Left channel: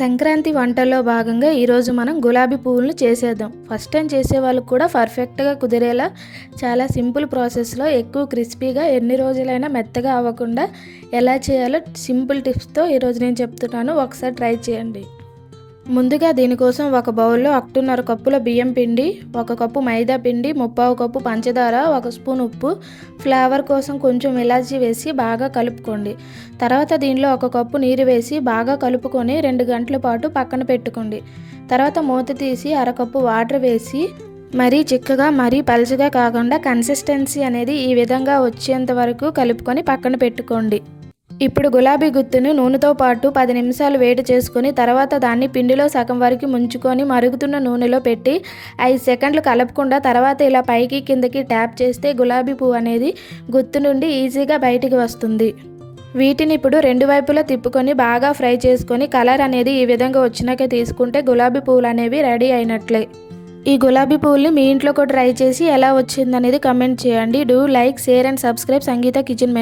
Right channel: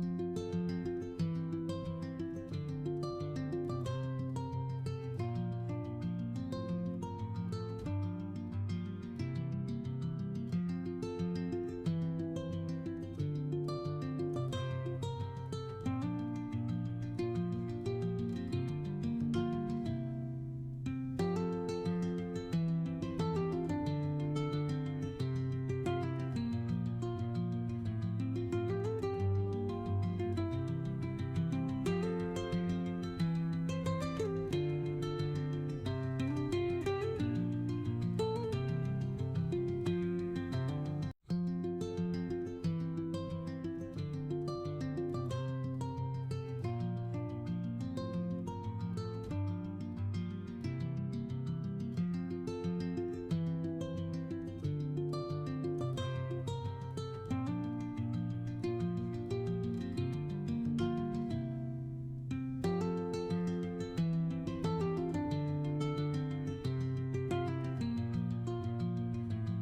సంక్రాంతి వంటల్లో భాగంగా ఈరోజు మనం గులాబీ పువ్వులను చేసేద్దాం. ఫస్ట్ టైం చేసే వాళ్ళకు కూడా పర్ఫెక్ట్గా కుదిరేలా చాలా సింపుల్ ప్రాసెస్లో ఎక్కువ క్రిస్పీగా ఎన్ని రోజులైనా మెత్తగా అవ్వకుండా ఎలా చేయాలో సింపుల్ టిప్స్తో ఈరోజు నేను చెప్తున్నాను. ఒకసారి ట్రై చేయండి. ముందుగా దీనికోసం ఒక బౌల్లో 1.5 కప్పుల బియ్యం పిండి, 1 కప్పు మైదా పిండి, 3/4 కప్పు పంచదార, 1 స్పూన్ ఉప్పు, ఫ్లేవర్ కోసం కొంచెం ఇలాచీ వేసి బాగా కలుపుకోండి. తర్వాత దీనిలో 1 కప్పు నీరు వేసి బాగా కలుపుకొని 2 గంటల పాటు పక్కన పెట్టుకోండి. తర్వాత మూత తీసి 1/2 కప్పు వాటర్ వేసి మరీ చిక్కగా మరీ పలుచగా కాకుండా కన్సిస్టెన్సీ అనేది ఈ విధంగా వచ్చేంత వరకు కలుపుకొని పక్కన పెట్టుకోండి. ఇప్పుడు గులాబీ గుత్తును నూనెతో పాటు 10 నిమిషాలు వేడి చేసుకొని తర్వాత దాన్ని పిండిలో సగం వరకు ముంచుకొని మరుగుతున్న నూనెలో పెట్టి 5 సెకండ్లు కలపకుండా తర్వాత ఇలా పైకి కిందకి ట్యాప్ చేస్తే గులాబీ పువ్వు అనేది గుత్తు నుండి ఈజీగా బయటికి వస్తుంది. వీటిని ఇప్పుడు 2 వైపులా తిప్పుకొని బాగా ఫ్రై చేసుకొని కలర్ అనేది ఈ విధంగా వచ్చినాక తీసుకుంటే గులాబీ పువ్వులు అనేవి రెడీ అయినట్లే. ఈ గులాబీ పువ్వుల్ని మీ ఇంట్లో కూడా ట్రై చేసి ఎలా వచ్చిందనేది కమెంట్ చేయండి. Do like, share and subscribe Sangeetha kitchen.